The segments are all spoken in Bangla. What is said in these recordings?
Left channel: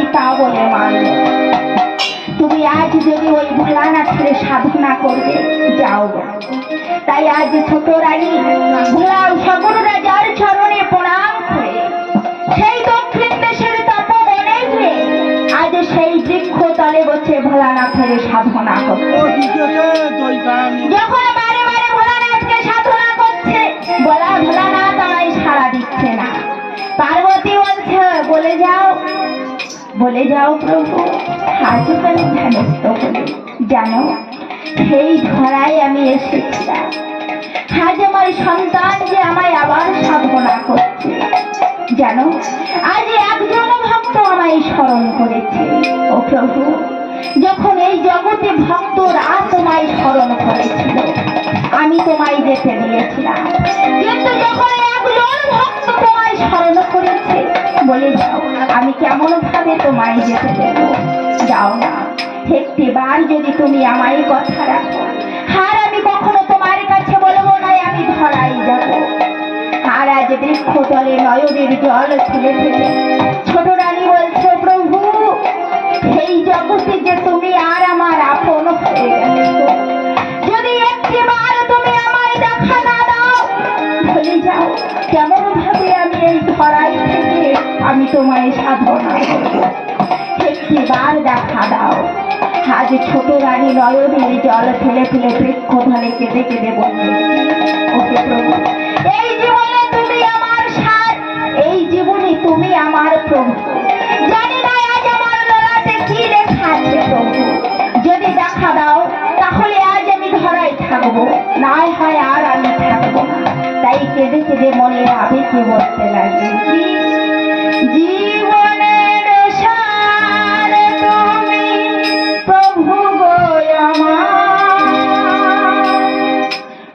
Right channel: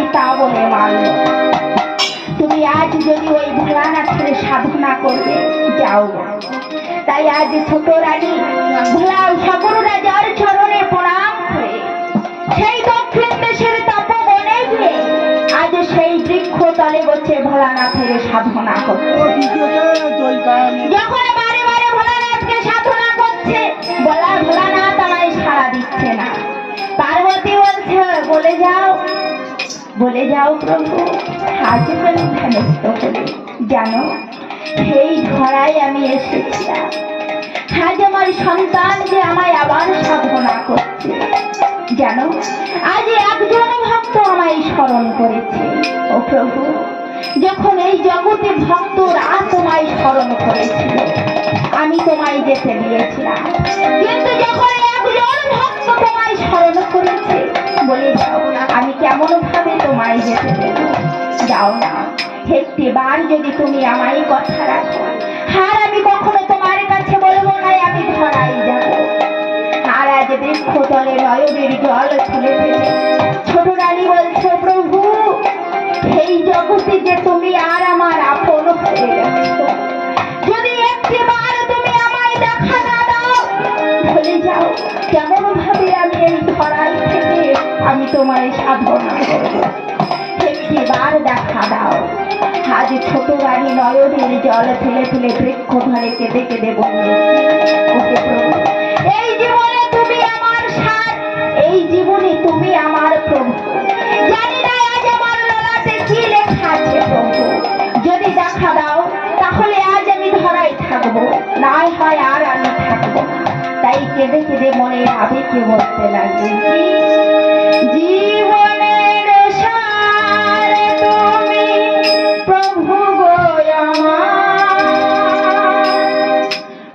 পিতা বলে মানল। তুমি আজ যদি ওই ভোলানাথের সাধনা করবে যাও। তাই আজ ছোট রানী ভোলা সগুণ রাজার চরণে প্রণাম করে সেই দক্ষিণ দেশের তপবনে গিয়ে আজ সেই বৃক্ষ তলে বসে ভোলানাথের সাধনা করছে। যখন বারে বারে ভোলানাথকে সাধনা করছে, ভোলানাথ আমায় সাড়া দিচ্ছে না। পার্বতী বলছে বলে যাও প্রভু, আজ আমি ধ্যানস্থ হলে জানো সেই ধরায় আমি এসেছিলাম। আজ আমার সন্তান যে আমায় আবার সাধনা করছে জানো, আজ একজন ভক্ত আমায় স্মরণ করেছে। ও প্রভু, যখন এই জগতে ভক্তরা তোমায় স্মরণ করেছিল আমি তোমায় যেতে দিয়েছিলাম, কিন্তু যখন একজন ভক্ত তোমায় স্মরণ করেছে বলে যাও আমি কেমন ভাবে তোমায় যেতে দেব? যাও না, একটিবার যদি তুমি আমায় কথা রাখো, আর আমি কখনো তোমার কাছে বলবো না আমি ধরাই যাব। আর আজ বৃক্ষ তলে নয়নের জল ফেলে ফেলে ছোট রানী বলছে, প্রভু এই জগতে যে তুমি আর আমার আপন হয়ে গেছো, যদি একটিবার তুমি আমায় দেখা না দাও ভুলে যাও কেমন ভাবে আমি এই ধরাই থেকে আমি তোমায় সাধনা করব। একটিবার দেখা দাও। আজ ছোট রানী নয়নের জল ফেলে ফেলে বৃক্ষ ধরে কেঁদে কেঁদে বলবে, ওকে প্রভু, এই জীবনে তুমি আমার সার, এই জীবনে তুমি আমার প্রভু। জানি না আজ আমার ললাটে কি লেখা আছে প্রভু, যদি দেখা দাও তাহলে আজ আমি ধরাই থাকবো, না হয় আর আমি থাকবো না। তাই কেঁদে কেঁদে মনে আবেগে বলতে লাগে, জীবনের সার তুমি প্রভু গো আমার,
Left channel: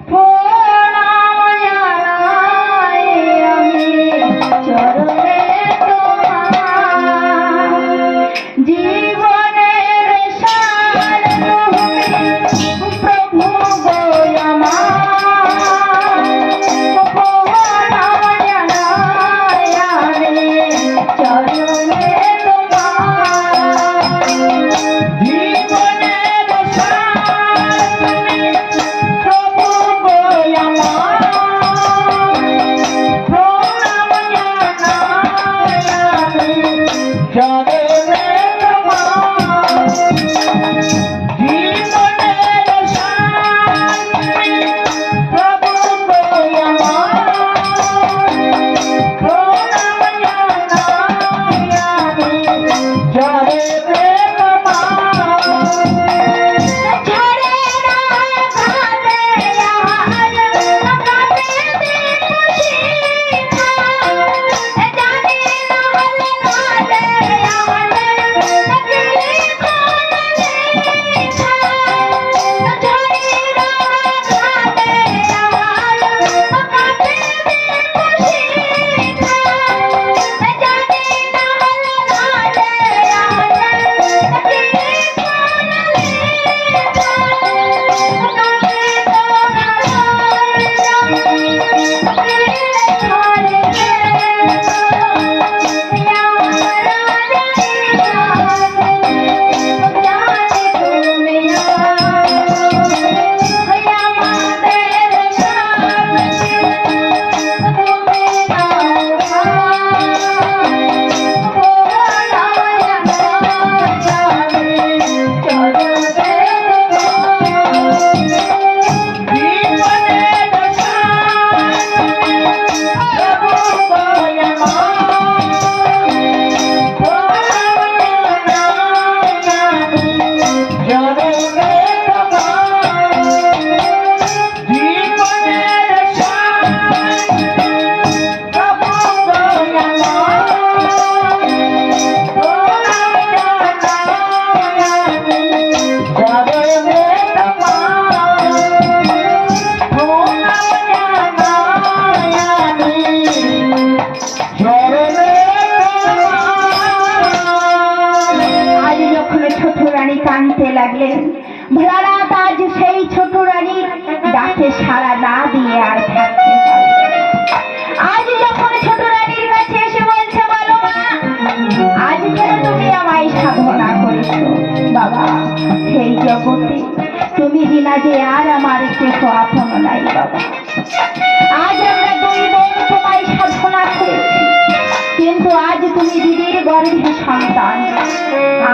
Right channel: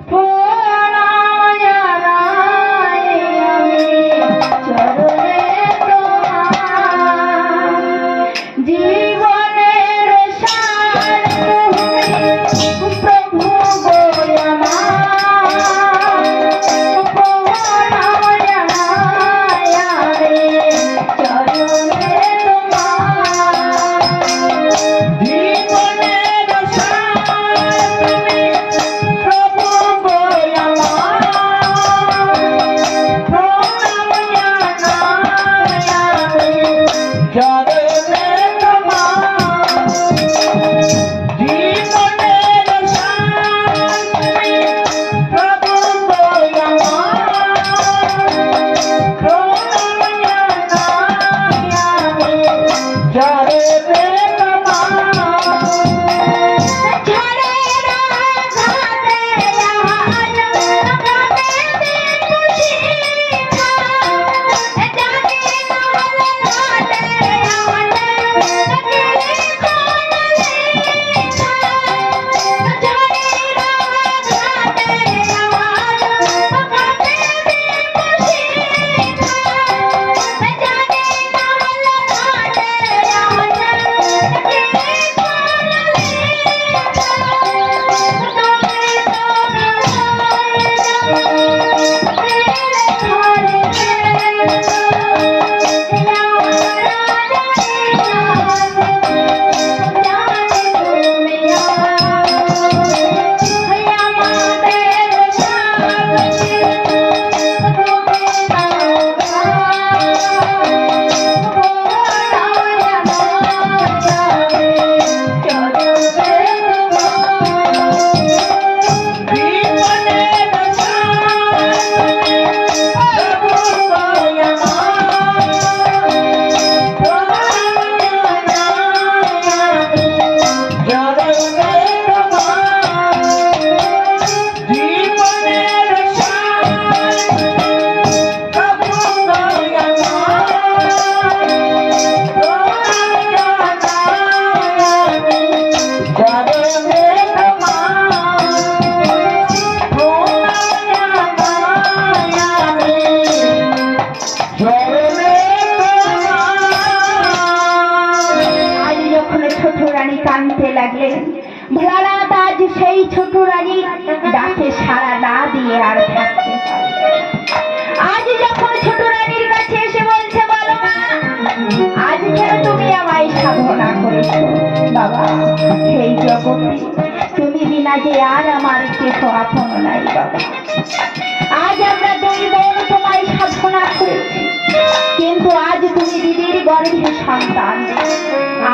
প্রণাম জানাই আমি চরণে তোমার। জীবনের সার তুমি প্রভু গো আমার, প্রণাম জানাই আমি চরণে তোমার। জীবনের সার তুমি প্রভু গো আমার, প্রণাম জানাই আমি চরণে তোমার। যে আর আমার কেহ আপন নাই বাবা। আজ আমরা দুই বোন তোমায় সাধনা করেছি, কিন্তু আজ তুমি দিদির গর্ভে সন্তান,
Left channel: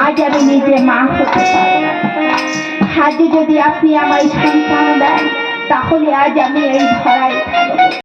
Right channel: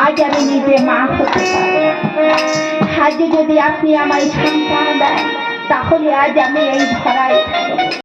আজ আমি নিজে মা হতে পারি না। আজ যদি আপনি আমায় সন্তান দেন, তাহলে আজ আমি এই ধরায় থাকবো।